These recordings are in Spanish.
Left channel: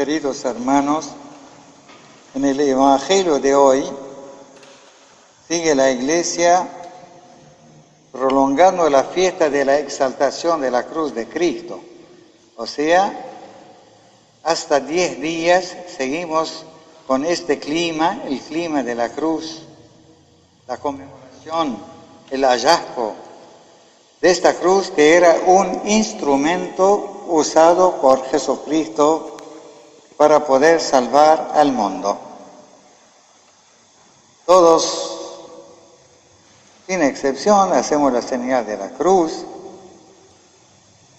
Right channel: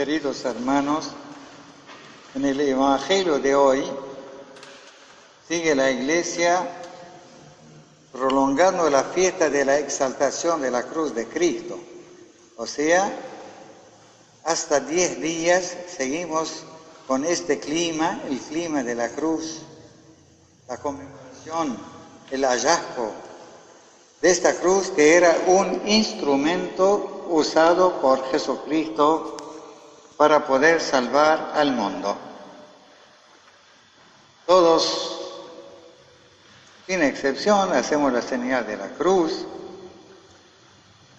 Queridos hermanos, en el Evangelio de hoy sigue la Iglesia prolongando la fiesta de la exaltación de la cruz de Cristo. O sea, hasta 10 días seguimos con este clima, el clima de la cruz, la conmemoración, el hallazgo de esta cruz que era un instrumento usado por Jesucristo para poder salvar al mundo. Todos, sin excepción, hacemos la señal de la cruz.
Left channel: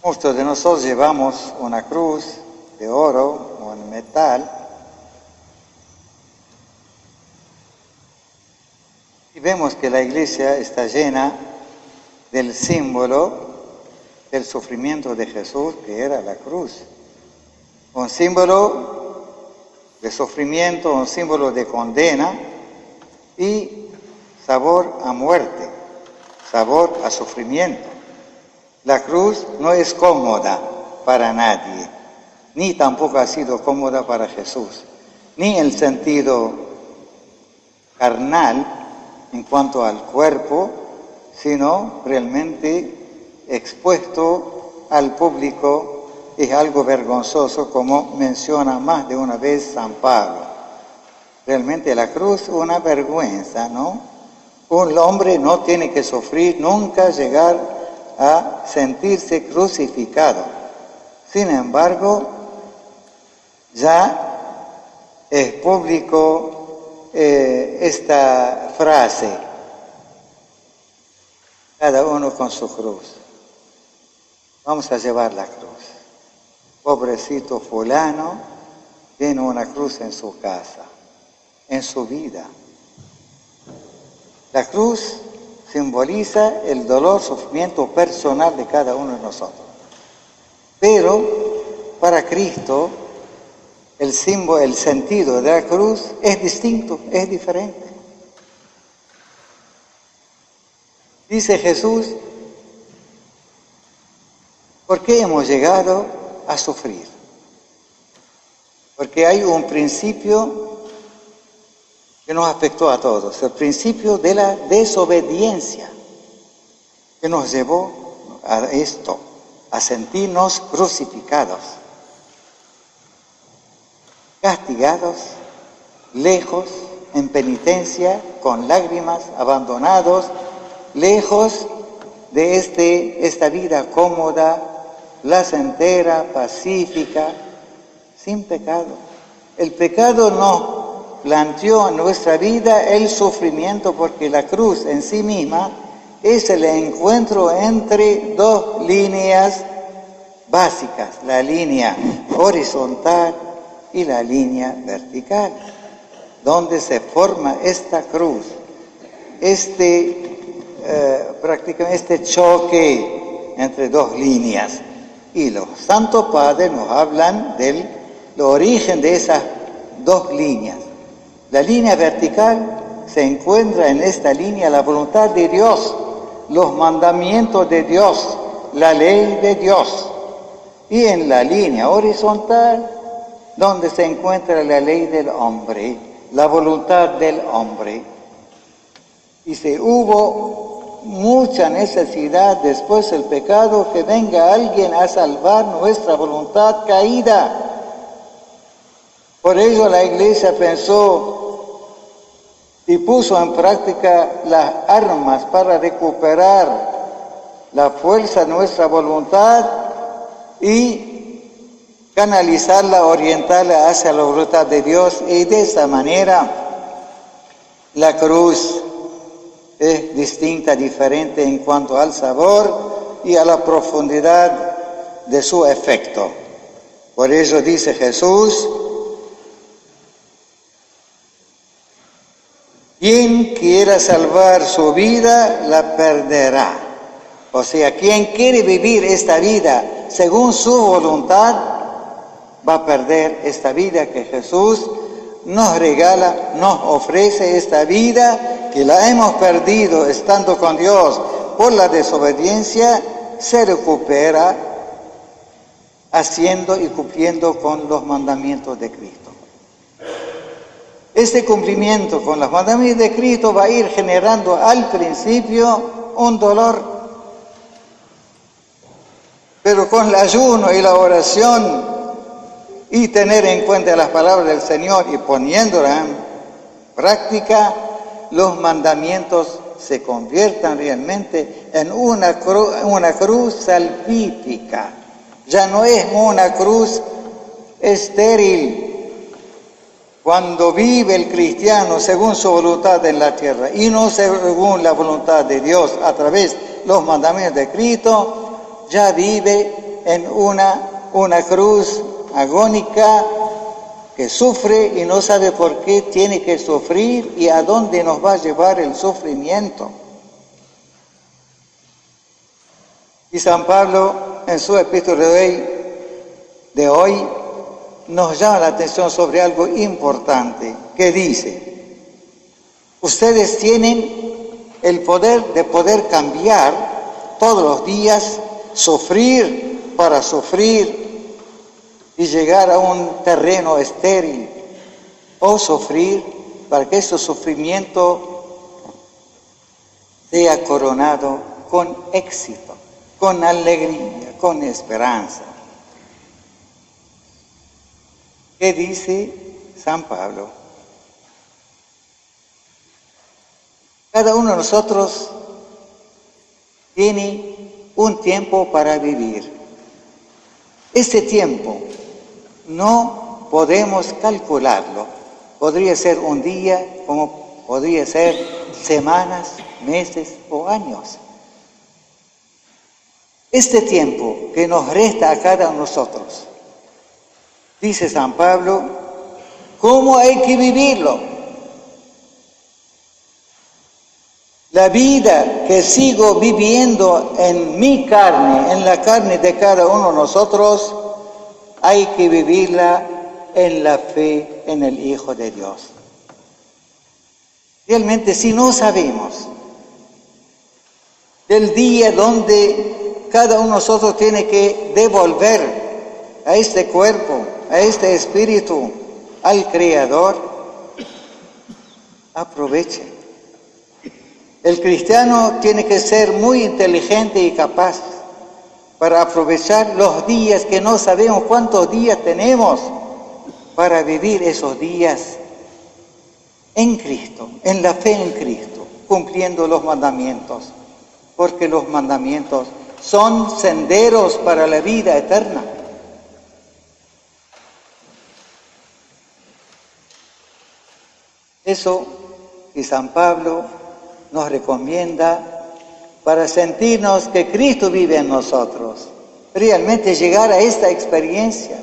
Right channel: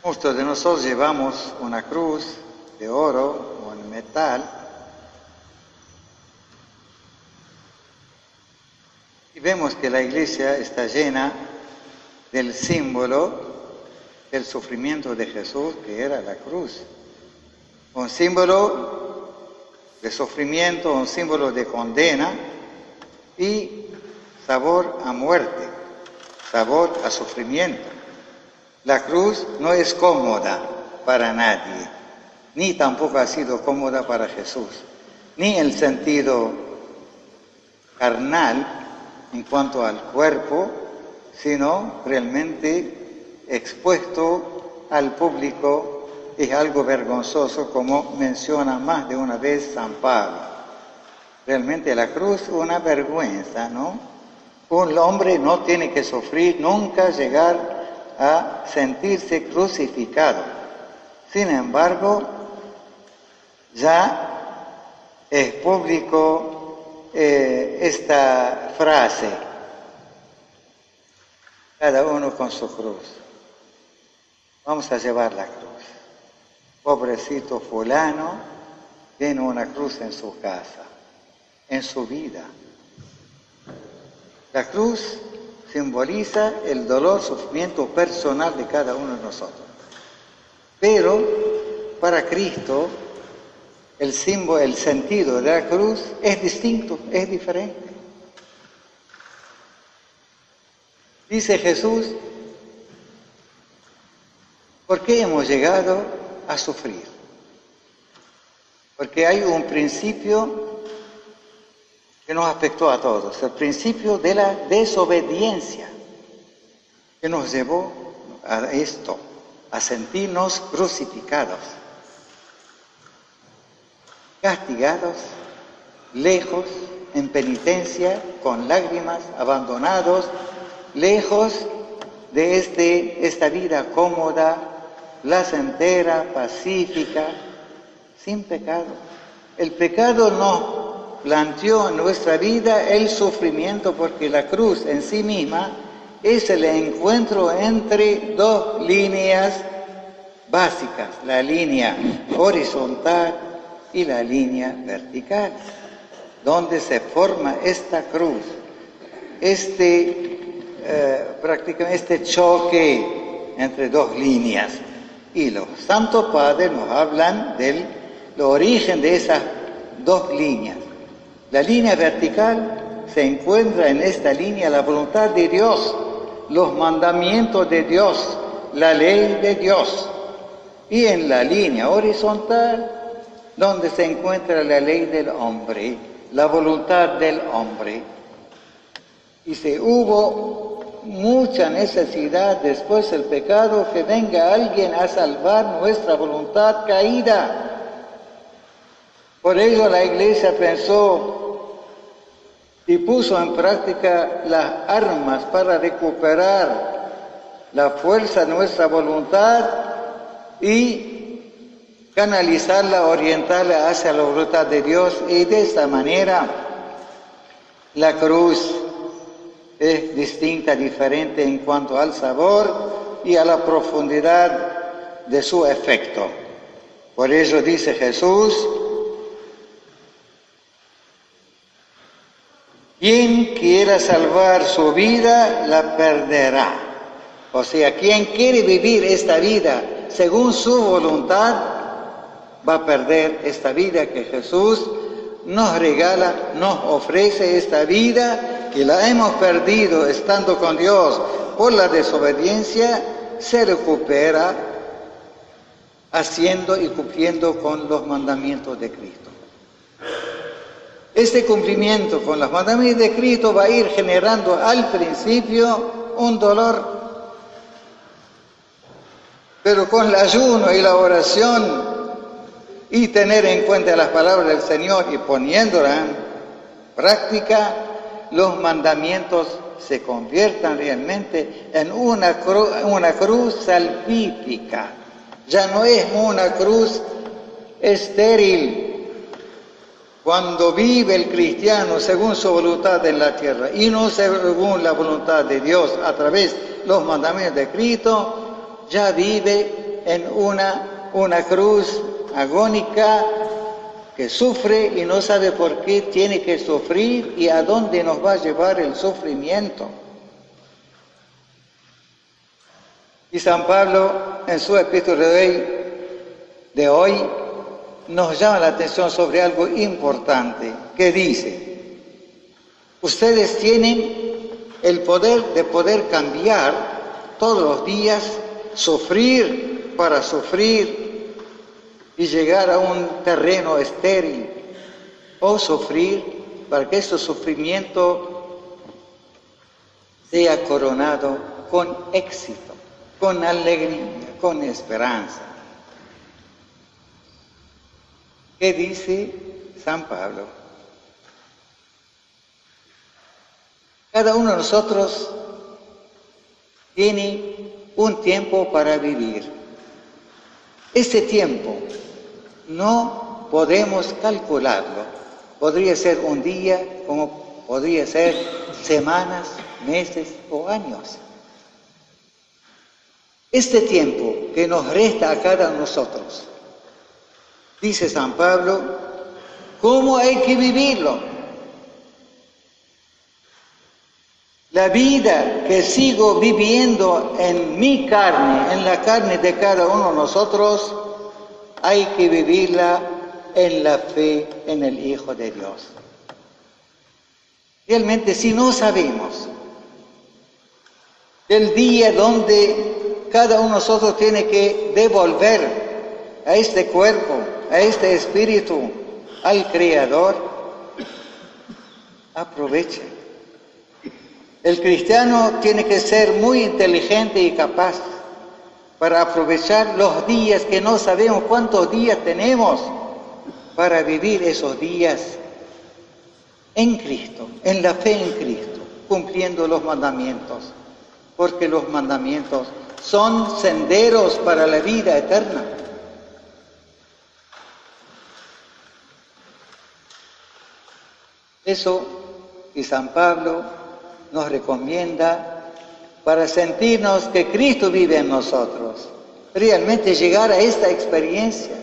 Muchos de nosotros llevamos una cruz de oro o de metal. Y vemos que la iglesia está llena del símbolo del sufrimiento de Jesús, que era la cruz. Un símbolo de sufrimiento, un símbolo de condena y sabor a muerte, sabor a sufrimiento. La cruz no es cómoda para nadie, ni tampoco ha sido cómoda para Jesús, ni en el sentido carnal en cuanto al cuerpo, sino realmente expuesto al público. Es algo vergonzoso, como menciona más de una vez San Pablo. Realmente la cruz es una vergüenza, ¿no? Un hombre no tiene que sufrir, nunca llegar a sentirse crucificado. Sin embargo, ya es público esta frase: cada uno con su cruz. Vamos a llevar la cruz. Pobrecito fulano tiene una cruz en su casa, en su vida. La cruz simboliza el dolor, sufrimiento personal de cada uno de nosotros. Pero para Cristo el símbolo, el sentido de la cruz es distinto, es diferente. Dice Jesús: ¿por qué hemos llegado a sufrir? Porque hay un principio que nos afectó a todos, el principio de la desobediencia, que nos llevó a esto, a sentirnos crucificados, castigados, lejos, en penitencia, con lágrimas, abandonados, lejos de esta vida cómoda, placentera, pacífica, sin pecado. El pecado nos planteó en nuestra vida el sufrimiento, porque la cruz en sí misma es el encuentro entre dos líneas básicas, la línea horizontal y la línea vertical, donde se forma esta cruz, prácticamente este choque entre dos líneas. Y los santos padres nos hablan del origen de esas dos líneas. La línea vertical se encuentra en esta línea la voluntad de Dios, los mandamientos de Dios, la ley de Dios. Y en la línea horizontal, donde se encuentra la ley del hombre, la voluntad del hombre. Y si hubo mucha necesidad después del pecado, que venga alguien a salvar nuestra voluntad caída. Por ello la Iglesia pensó y puso en práctica las armas para recuperar la fuerza de nuestra voluntad y canalizarla, orientarla hacia la voluntad de Dios. Y de esa manera la cruz es distinta, diferente en cuanto al sabor y a la profundidad de su efecto. Por eso dice Jesús: quien quiera salvar su vida, la perderá. O sea, quien quiere vivir esta vida según su voluntad, va a perder esta vida que Jesús nos regala, nos ofrece. Esta vida que la hemos perdido estando con Dios por la desobediencia, se recupera haciendo y cumpliendo con los mandamientos de Cristo. Este cumplimiento con los mandamientos de Cristo va a ir generando al principio un dolor, pero con el ayuno y la oración y tener en cuenta las palabras del Señor y poniéndolas en práctica, los mandamientos se conviertan realmente en una cruz salvífica. Ya no es una cruz estéril. Cuando vive el cristiano según su voluntad en la tierra y no según la voluntad de Dios a través de los mandamientos de Cristo, ya vive en una cruz agónica que sufre y no sabe por qué tiene que sufrir y a dónde nos va a llevar el sufrimiento. Y San Pablo, en su epístola de hoy, nos llama la atención sobre algo importante, que dice: ustedes tienen el poder de poder cambiar todos los días, sufrir para sufrir y llegar a un terreno estéril, o sufrir para que ese sufrimiento sea coronado con éxito, con alegría, con esperanza. ¿Qué dice San Pablo? Cada uno de nosotros tiene un tiempo para vivir. Ese tiempo no podemos calcularlo. Podría ser un día, como podría ser semanas, meses o años. Este tiempo que nos resta a cada uno de nosotros, dice San Pablo, ¿cómo hay que vivirlo? La vida que sigo viviendo en mi carne, en la carne de cada uno de nosotros, hay que vivirla en la fe en el Hijo de Dios. Realmente, si no sabemos del día donde cada uno de nosotros tiene que devolver a este cuerpo, a este espíritu, al Creador, aproveche. El cristiano tiene que ser muy inteligente y capaz para aprovechar los días que no sabemos cuántos días tenemos para vivir esos días en Cristo, en la fe en Cristo, cumpliendo los mandamientos, porque los mandamientos son senderos para la vida eterna. Eso y San Pablo nos recomienda para sentirnos que Cristo vive en nosotros, realmente llegar a esta experiencia.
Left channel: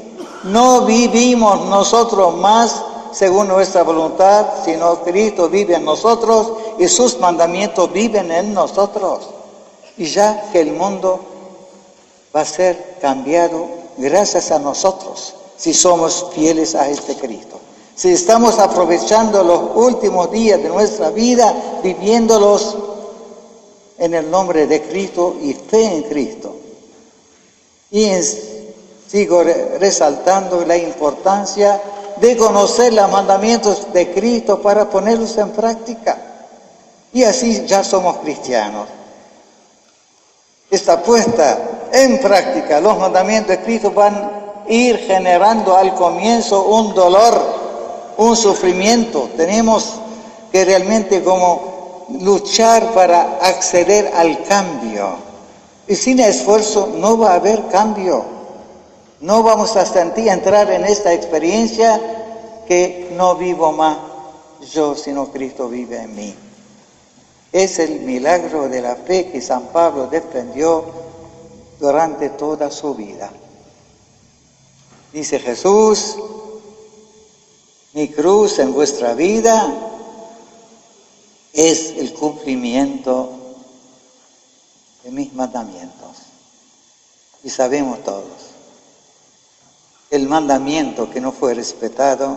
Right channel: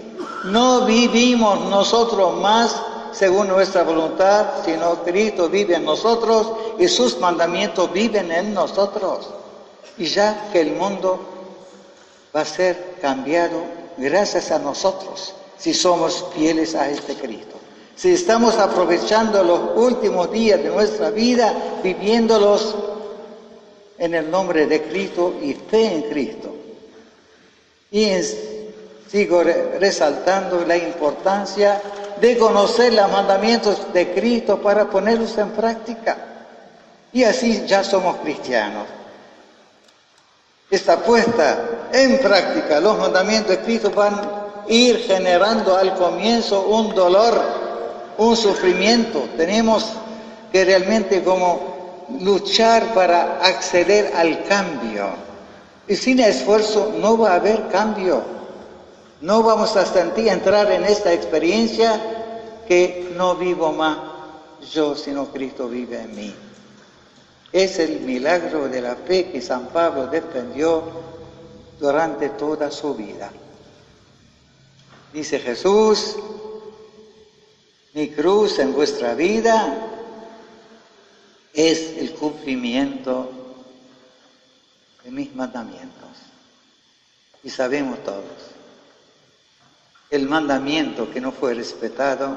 No vivimos nosotros más según nuestra voluntad, sino Cristo vive en nosotros y sus mandamientos viven en nosotros. Y ya que el mundo va a ser cambiado gracias a nosotros, si somos fieles a este Cristo. Si estamos aprovechando los últimos días de nuestra vida, viviéndolos en el nombre de Cristo y fe en Cristo. Y sigo resaltando la importancia de conocer los mandamientos de Cristo para ponerlos en práctica. Y así ya somos cristianos. Esta puesta en práctica, los mandamientos de Cristo van a ir generando al comienzo un dolor, un sufrimiento. Tenemos que realmente como luchar para acceder al cambio. Y sin esfuerzo no va a haber cambio. No vamos a entrar en esta experiencia que no vivo más yo, sino Cristo vive en mí. Es el milagro de la fe que San Pablo defendió durante toda su vida. Dice Jesús: mi cruz en vuestra vida es el cumplimiento de mis mandamientos. Y sabemos todos, el mandamiento que no fue respetado,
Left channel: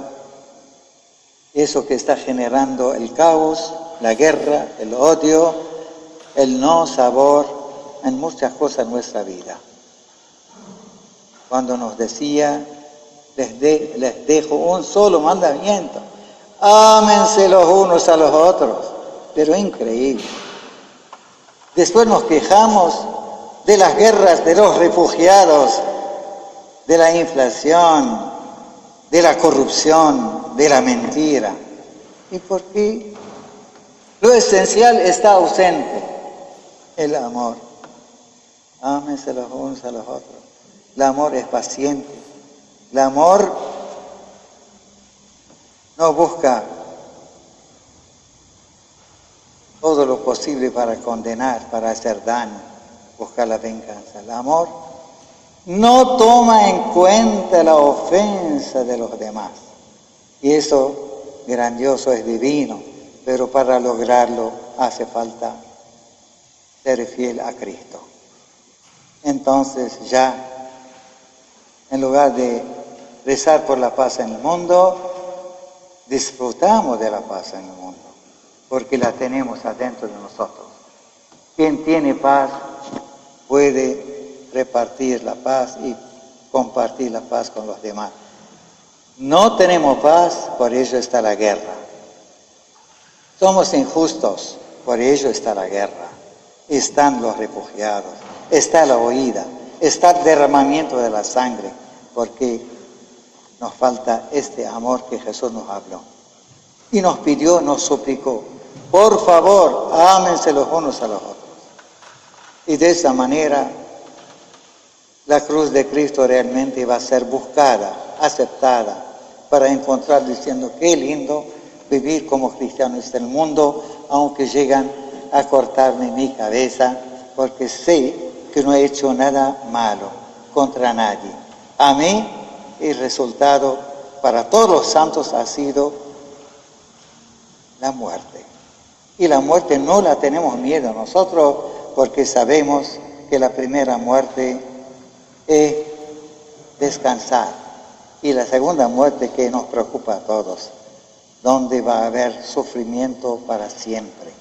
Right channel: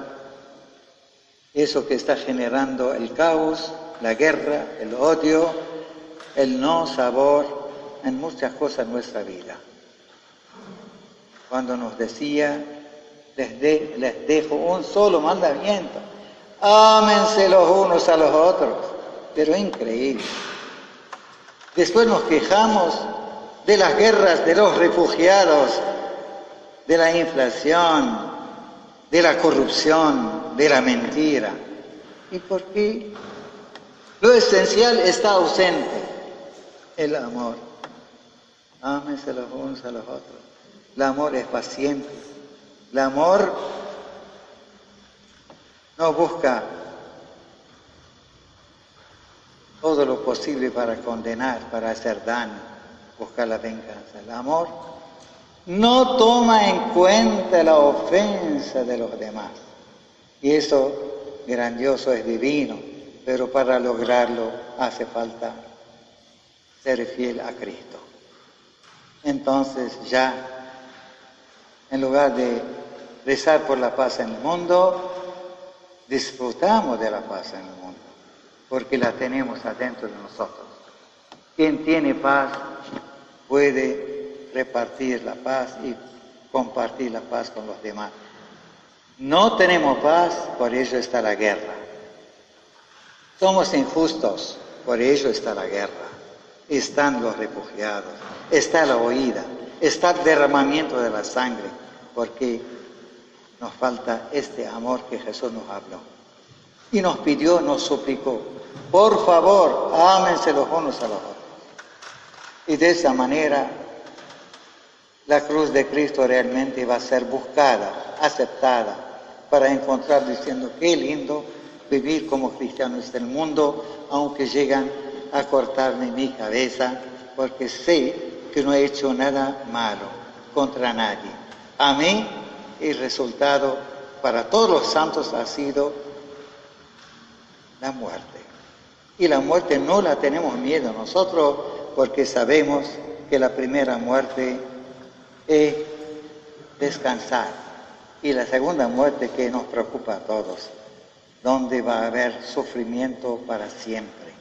eso que está generando el caos, la guerra, el odio, el no sabor en muchas cosas en nuestra vida. cuando nos decía, les dejo un solo mandamiento, ámense los unos a los otros, pero increíble. Después nos quejamos de las guerras, de los refugiados, de la inflación, de la corrupción, de la mentira. ¿Y por qué? Lo esencial está ausente, el amor. Ámense los unos a los otros. El amor es paciente. El amor no busca todo lo posible para condenar, para hacer daño, buscar la venganza. El amor no toma en cuenta la ofensa de los demás. Y eso grandioso es divino, pero para lograrlo hace falta ser fiel a Cristo. Entonces ya, en lugar de rezar por la paz en el mundo, disfrutamos de la paz en el mundo, porque la tenemos adentro de nosotros. Quien tiene paz puede repartir la paz y compartir la paz con los demás. No tenemos paz, por ello está la guerra. Somos injustos, por ello está la guerra. Están los refugiados, está la huida, está el derramamiento de la sangre, porque nos falta este amor que Jesús nos habló. Y nos pidió, nos suplicó, por favor, ámense los unos a los otros. Y de esa manera, la cruz de Cristo realmente va a ser buscada, aceptada, para encontrar diciendo, qué lindo vivir como cristianos en el mundo, aunque llegan a cortarme mi cabeza, porque sé que no he hecho nada malo contra nadie. A mí, el resultado para todos los santos ha sido la muerte. Y la muerte no la tenemos miedo nosotros, porque sabemos que la primera muerte es descansar. Y la segunda muerte que nos preocupa a todos, donde va a haber sufrimiento para siempre.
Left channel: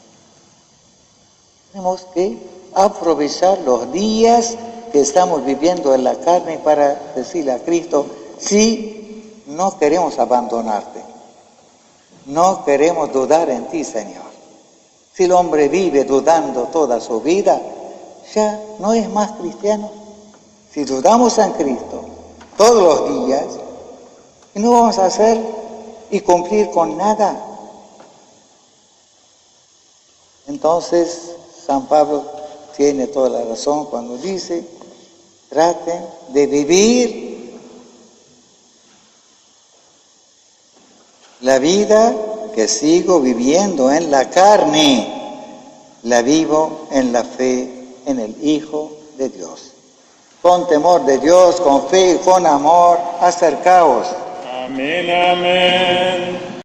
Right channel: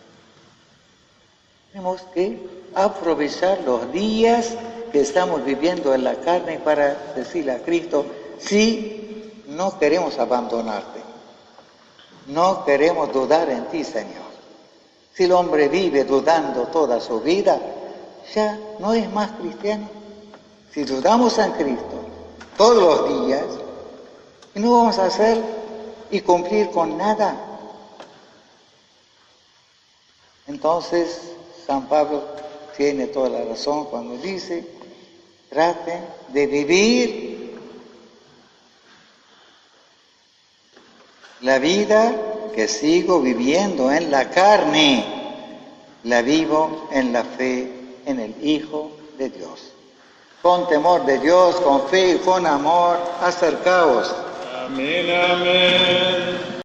Tenemos que aprovechar los días que estamos viviendo en la carne para decirle a Cristo, sí, no queremos abandonarte, no queremos dudar en ti, Señor. Si el hombre vive dudando toda su vida, ya no es más cristiano. Si dudamos en Cristo todos los días, no vamos a hacer y cumplir con nada. Entonces, San Pablo tiene toda la razón cuando dice, traten de vivir la vida que sigo viviendo en la carne, la vivo en la fe en el Hijo de Dios. Con temor de Dios, con fe y con amor, acercaos. Amén, amén.